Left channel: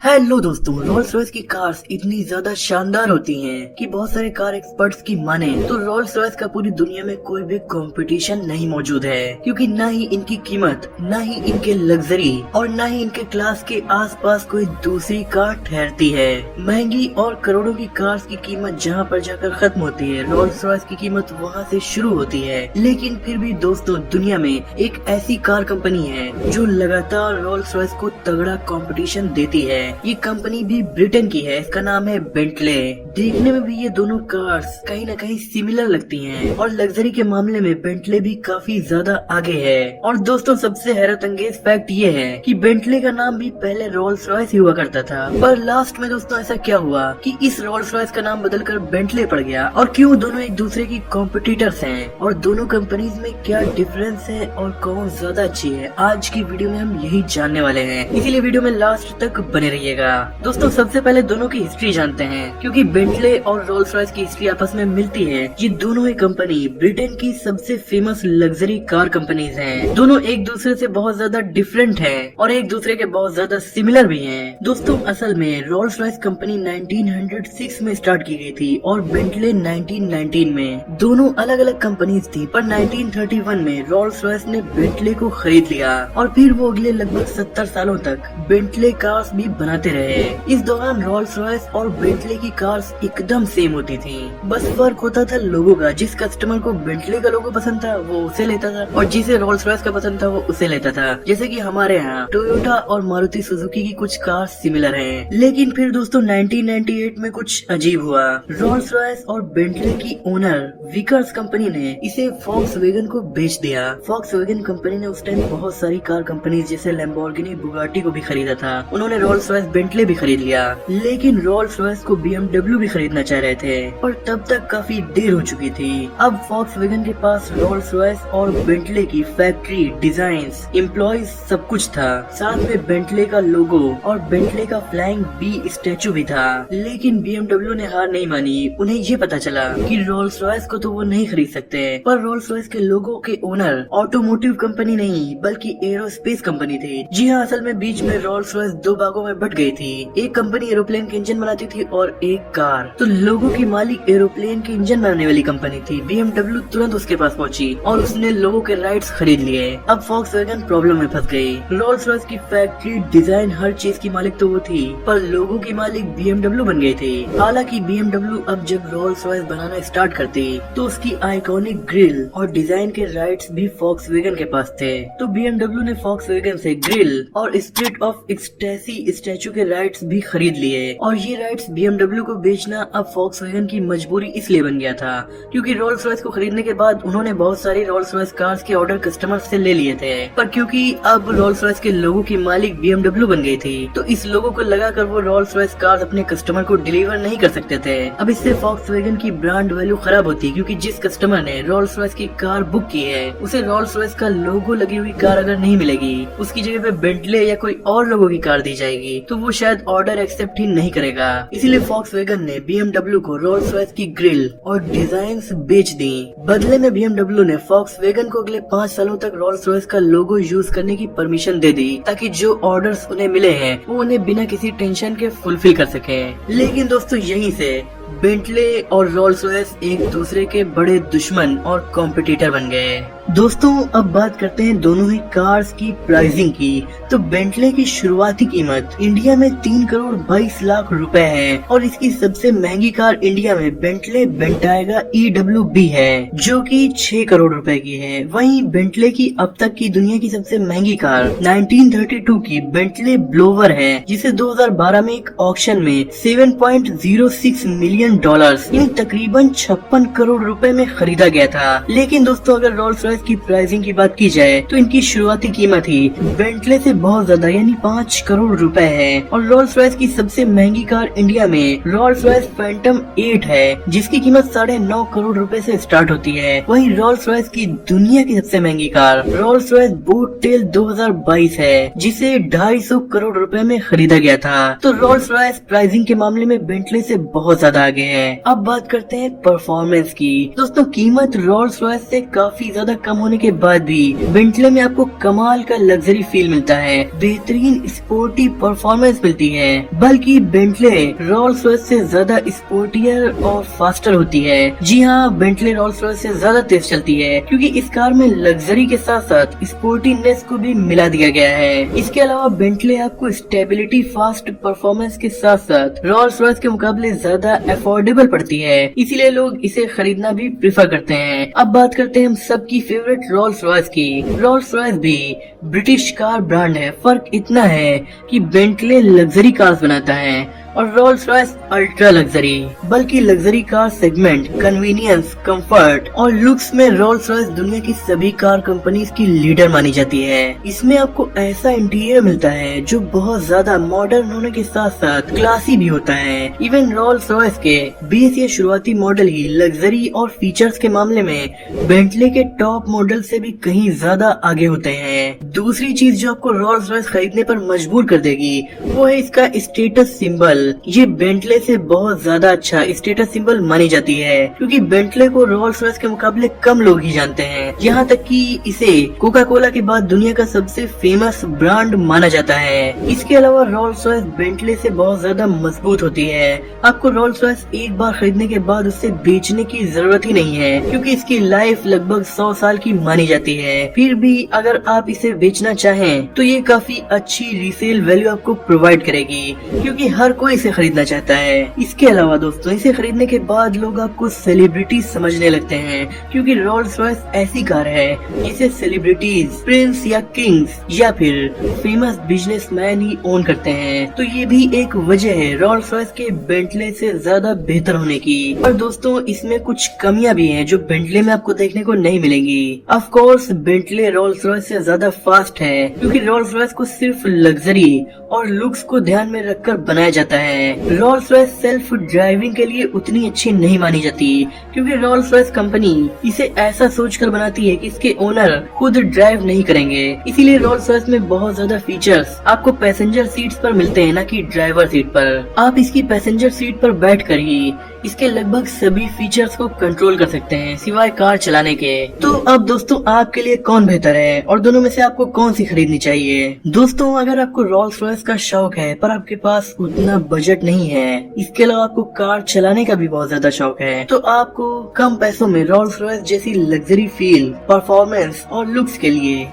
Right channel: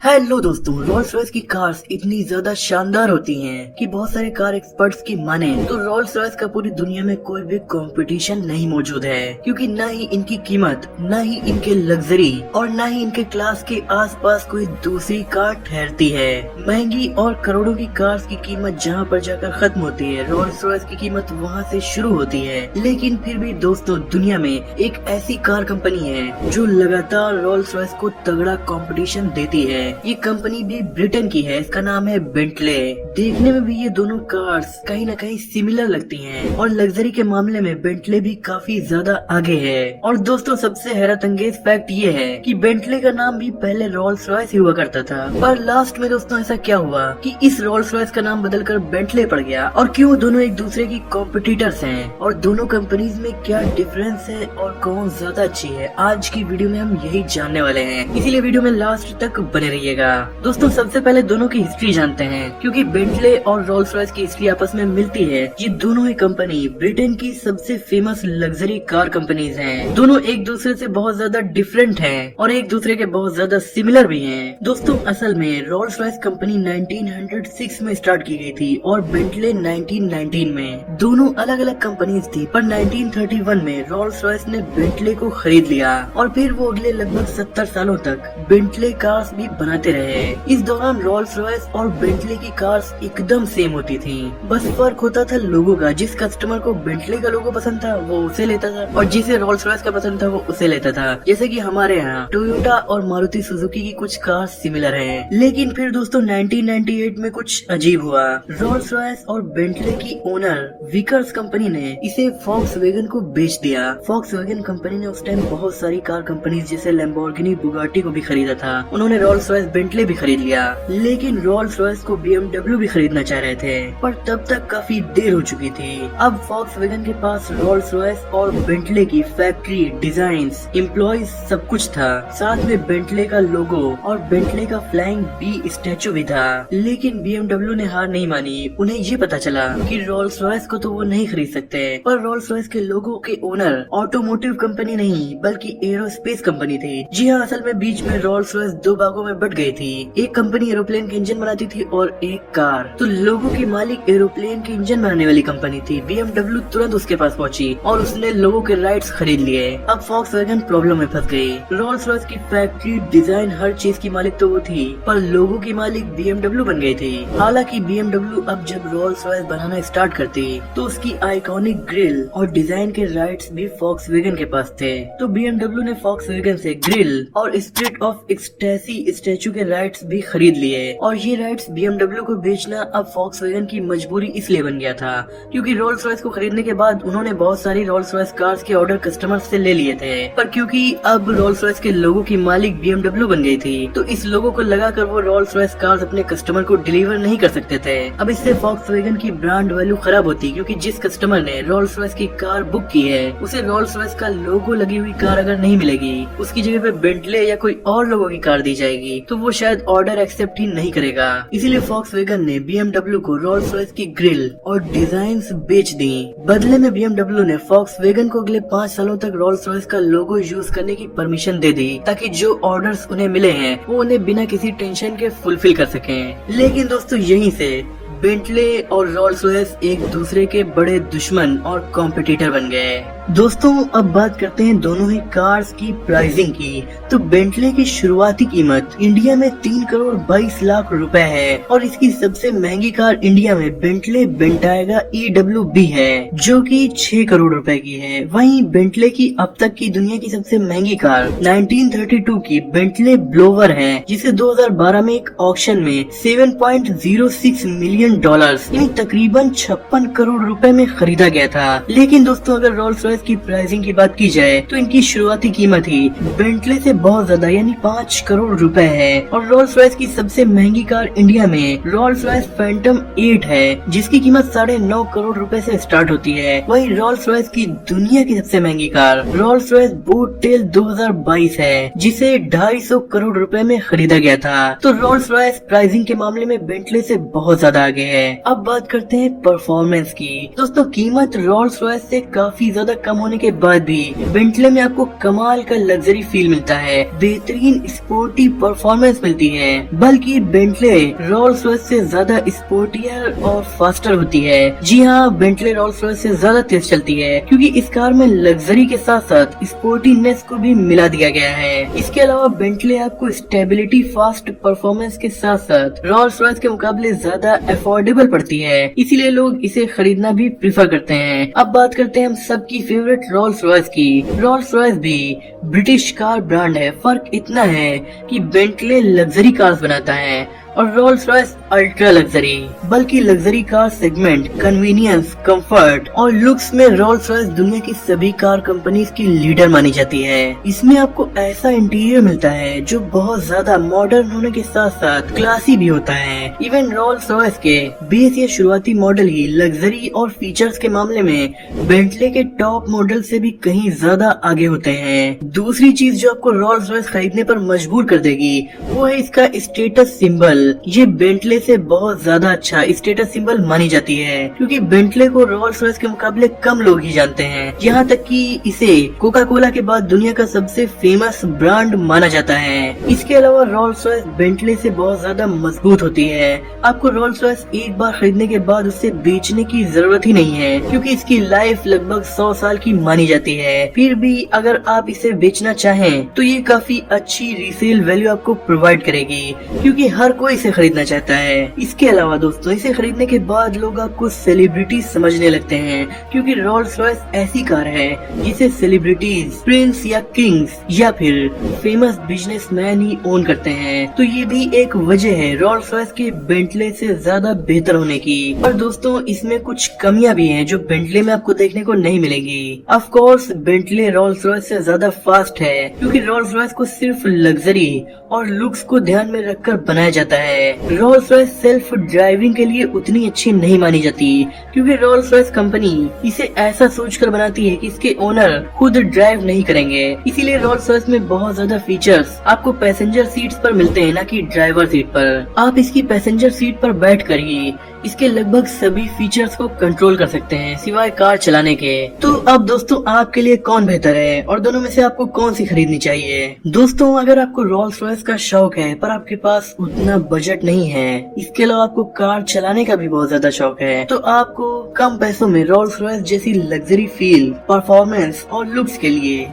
Hello दोस्तों, Rolls Royce की cars इतनी ज्यादा शानदार होती हैं कि बहुत सारे कार एक्सपर्ट्स की माने तो रोल्स रॉयस का पूरी दुनिया में कोई भी कंपटीशन नहीं मौजूद है, क्योंकि ना ही इनकी कीमत, ना ही इनके लग्जरी और ना ही इनके क्लास के आसपास कोई दूसरी कार ठहरती है। महंगी और करोड़ों की कार्स की कीमत जहां पर जाकर खत्म होती है, रोल्स रॉयस की कीमत वहां से शुरू होती है। लेकिन फिर भी दोस्तों, दुनिया में एक ऐसी कार कंपनी है जो लगातार रोल्स रॉयस को तगड़ा कंपटीशन देती है। ये कंपनी भी ब्रिटेन की है, इसका नाम है बेंटले। देखने में भी ये दोनों कार्स कहीं न कहीं सिमिलर लगती हैं और लग्जरी के मामले में बेंटले भी काफी ज्यादा आगे है। और दोस्तों, सबसे हैरत अंगेज फैक्ट ये है कि बेंटले का नाम भी पहले रोल्स रॉयस ही हुआ करता था, पर लास्ट में दोस्तों ऐसा क्या हुआ कि इस रोल्स रॉयस का नाम बदलकर बेंटले पड़ गया। और क्यों दोनों एक दूसरे की कॉम्पिटिटर्स हैं और दोनों कंपनीज में क्या डिफरेंस है और कौन ज्यादा अच्छी है, आज की वीडियो में हम यही जानने वाले हैं। इसीलिए वीडियो में लास्ट तक बने रहिएगा। दोस्तों, सबसे पहले दोनों की हिस्ट्री जानते हैं, क्योंकि बेंटले और रोल्स रॉयस की हिस्ट्री आपस में मिलती है। ये दोनों ही कंपनी ब्रिटेन की सबसे फेमस लग्जरी कार कंपनीज हैं। दोनों एक दूसरे से बहुत ज्यादा डिफरेंट हैं और एक दूसरे के बहुत ज्यादा सिमिलर भी हैं। दोस्तों, असल में रोल्स रॉयस कंपनी 1906 में स्टार्ट की गई थी और बेंटले 1919 में। दोनों अलग अलग कंपनीज थी, पर 1931 में रोल्स रॉयस ने बेंटले को खरीद लिया और फिर वो अगले लगभग 70 सालों तक बेंटले कार्स भी बनाते रहे। इस दौरान रोल्स रॉयस और बेंटले की कार्स एकदम सेम होती थी, बस फर्क होता था लोगों का। जिस कस्टमर को बेंटले का लोगो पसंद था वो उसे लेता था और जिसे रोल्स रॉयस का पसंद था वो उसे लेता था। जैसे कि हमारे यहाँ टोयोटा और मारुति सुजुकी की कुछ कार्स सिमिलर हैं। लेकिन फिर दोस्तों 1998 में कुछ अजीब हुआ। रोल्स रॉयस और बेंटले की ओनर विकर्स कंपनी ने इसे फॉक्सवैगन को बेच दिया। फॉक्सवैगन कंपनी ने उस टाइम बहुत सारी कार कंपनी जैसे लैम्बोर्गिनी, बुगाटी को भी खरीदा था। उन्होंने रोल्स रॉयस बेंटले भी खरीद लिया, लेकिन रोल्स रॉयस को BMW भी खरीदना चाह रहे थे, पर तब तक काफी देर हो चुकी थी। अब फॉक्सवैगन के पास रोल्स रॉयस और बेंटले की फैक्ट्री, डिजाइन्स, एम्प्लॉइज सब कुछ था, साथ में बेंटले का लोगो और बेंटले का फ्लाइंग बी स्टैचू भी था। लेकिन BMW ने हार नहीं मानी। उन्हें ये पता चला कि रोल्स रॉयस को तो वो नहीं खरीद सकते, पर रोल्स रॉयस के लोगो के ओनर ऑटोमोटिव कंपनी नहीं बल्कि एरोस्पेस कंपनी थी। जी हाँ, असल में बीच में रोल्स रॉयस दो भागों में बट गई थी। एक कंपनी एरोप्लेन के इंजन बनाती थी और एक कार। तो लोगों के मालिक एरोप्लेन के इंजन बनाने वाली कंपनी थी। BMW तुरंत उसके पास पहुंची और उसने लोगों के राइट्स खरीद लिए। अब फॉक्सवैगन प्रॉब्लम में फंस गई। रोल्स रॉयस की फैक्ट्री, डिजाइन, हर चीज की मालिक तो वो थी, पर लोगों की मालिक BMW बन गई थी। हालांकि BMW अब जब रोल्स रॉयस बनाना स्टार्ट करती तो उसकी आइकॉनिक ग्रिल और डिजाइन के राइट्स भी फॉक्सवैगन के पास थे। तो BMW ने फॉक्सवैगन से ग्रिल और स्पिरिट ऑफ एक्सटेसी स्टैचू के राइट्स भी खरीद लिए। और ये राइट्स BMW को बेचना अब फॉक्सवैगन की मजबूरी इसलिए बन गया था क्योंकि रोल्स रॉयस को खरीदने के बाद उन्होंने बहुत सारी रोल्स रॉयस कार्स के ऑर्डर कस्टमर से ले लिए थे, पर क्योंकि अब रोल्स रॉयस के लोगों की मालिक BMW बन गई थी, तो इस लोगों को लगाकर वो रोल्स रॉयस कार्स अपने कस्टमर को डिलीवर नहीं कर सकते थे। अब इससे फॉक्सवैगन की ब्रांड वैल्यू खराब होती, क्योंकि जिस कस्टमर ने रोल्स रॉयस की कार बुक की है उसे रोल्स रॉयस का लोगो लगी हुई कार अगर नहीं मिलेगी, उसकी जगह पे बेंटले या कोई और लोगों की कार दी जाएगी, तो वो शायद ऑर्डर एक्सेप्ट ही नहीं करेगा। इसीलिए फॉक्सवैगन ने BMW को रोल्स रॉयस की ग्रिल और डिजाइन्स बेच दी। बदले में BMW ने फॉक्सवैगन को अगले 5 सालों तक रोल्स रॉयस का लोगो यूज करने की परमिशन दे दी, ताकि जो ऑर्डर्स उन्हें मिले हैं वो उन्हें बिना किसी टेंशन के फुलफिल कर सके। लेकिन दोस्तों, यहीं से बेंटले और रोल्स रॉयस एक दूसरे के बड़े दुश्मन और कॉम्पिटिटर बन गए। दोस्तों, अब बात करते हैं दोनों ही कार्स की प्राइसिंग की। तो बेंटले की शुरुआती कीमत इंडिया में 3 करोड़ 22 लाख रुपए है और इसकी सबसे महंगी कार इंडिया में बेंटले बेंटायगा EWB है, जो कि 6 करोड़ रुपए की है। वहीं बेंटले की अब तक की दुनिया की सबसे महंगी कार 1932 की बेंटले ब्लोवर है, जिसे 2012 में एक ऑक्शन में $7.06 मिलियन यानी तकरीबन 56 करोड़ रुपए में खरीदा गया था। लेकिन दोस्तों, अगर रोल्स रॉयस की प्राइसिंग की बात की जाए तो इनकी शुरुआती कीमत ही बेंटले से बहुत ज्यादा यानी 5 करोड़ रुपए है। और रोल्स रॉयस की सबसे महंगी कार इंडिया में रोल्स रॉयस फैंटम 8 है, जिसकी कीमत 9.5 करोड़ रुपए से स्टार्ट होती है। वहीं रोल्स रॉयस की दुनिया की सबसे महंगी car Rolls Royce Boat Tail 2022 है, जिसे 250 करोड़ रुपए में खरीदा गया था। तो रोल्स रॉयस प्राइसिंग के मामले में बेंटले से बहुत ज्यादा आगे है। अब बात करते हैं परफॉर्मेंस की। दोस्तों कीमत रोल्स रॉयस से काफी ज्यादा कम होने के बाद भी बेंटले में आपको कमाल का लग्जरी फील मिलता है, बेहतरीन स्पोर्टी परफॉर्मेंस मिलती है। बल्कि बेंटले रोल्स रॉयस से ज्यादा स्पोर्टियर और फास्टर होती है। जी हाँ, बेंटले रोल्स रॉयस से ज्यादा तेज चलती है क्योंकि इस कार में लग्जरी के साथ साथ स्पोर्टीनेस को भी मिला दिया गया है। इसके अलावा बेंटले आपको स्टेबिलिटी, फास्ट परफॉर्मेंस के साथ साथ रोल्स रॉयस के मुकाबले ज्यादा अफोर्डेबल पड़ती है, इसीलिए लोग इसे खरीदना भी प्रेफर करते हैं। अब बात करते हैं हम सबकी फेवरेट रोल्स रॉयस की। रोल्स रॉयस भी ब्रिटिश कार ब्रांड है, फर्क इतना है कि बेंटले लग्जरी कार्स बनाता है और रोल्स रॉयस अल्ट्रा लग्जरी। बल्कि luxury car segment, convenience, comfort और लुक्स में रोल्स रॉयस दुनिया की सभी कार कंपनीज की लीडर मानी जाती है। इसमें आपको ऐसा इंटीरियर मिलता है जो बहुत ज्यादा मॉडर्न होने के साथ साथ क्लासी भी होता है। इवन रोल्स रॉयस के 20 या शुरुआती मॉडल ही लग्जरी और फीचर्स के मामले में बेंटले के टॉप मॉडल से भी कहीं ज्यादा आगे होते हैं। दूसरी चीज जो आपको रोल्स रॉयस खरीदने पर मजबूर कर देगी वो है इसका स्टेटस सिंबल। ये बेंटले से बहुत ज्यादा अच्छा स्टेटस सिंबल मानी जाती है क्योंकि बेंटले को रोल्स रॉयस के मुकाबले कम लोग ही जानते हैं। यहाँ तक कि इसे कोका कोला के बाद दुनिया का सबसे फेमस ब्रांड माना जाता है। इसके अलावा रोल्स रॉयस बेंटले से बहुत ज्यादा मजबूत होती है। आपको रोल्स रॉयस एक बार खरीदने के बाद उसे बेचने की जरूरत ही नहीं है क्योंकि इसकी लाइफ लगभग 100 साल की मानी जाती है। फिर भी अगर आप इसे बेचना चाहें तो ये काफी अच्छी रीसेल वैल्यू आपको प्रोवाइड करेगी क्योंकि हर कोई इसे खरीदना चाहता है। इसके अलावा दोस्तों इसे खरीदने के बाद लोग आपको सेलिब्रिटी समझने लगते हैं क्योंकि रोल्स रॉयस ऐसी कार है जिसे सेलिब्रिटीज, प्रिंस या किंग्स या फिर फेमस बिजनेसमैन ही ओन करते हैं। तो ये भी एक वजह है रोल्स रॉयस के बेंटले से ज्यादा बेहतर होने की। पर दोस्तों इसमें कुछ कमियां भी हैं जो बेंटले में आपको देखने को नहीं मिलेंगी। Of course Bentley Rolls Royce से ज्यादा फास्ट है क्योंकि रोल्स रॉयस को सिर्फ लग्जरी और लुक्स को ध्यान में रखकर बनाया जाता है। रोल्स रॉयस सेल्फ ड्राइविंग के लिए उतनी अच्छी नहीं मानी जाती क्योंकि रोल्स रॉयस कंपनी इसे ऐसा सोचकर बनाती है कि इसके ओनर खुद ड्राइव नहीं करेंगे। इसीलिए रोल्स रॉयस में बहुत ज्यादा फीचर्स आपको पैसेंजर सीट्स पर मिलते हैं, न कि ड्राइवर सीट पर। आप इसकी पैसेंजर सीट पर बैठकर ही इसके लगभग सभी फीचर्स को कंट्रोल कर सकते हैं सिवाय कार चलाने के। तो अब दोस्तों आपके लिए कौन बेहतर है और दोनों में से आपको कौन सी खरीदनी चाहिए? दोस्तों अगर आपको रोल्स रॉयस का शौक है पर आपके पास उतना बजट नहीं है, इसके अलावा आपको कार चलाने का भी बहुत ज्यादा शौक है, तो आपको कम पैसों में रोल्स रॉयस जैसी लग्जरी फील, परफॉर्मेंस और लुक्स के लिए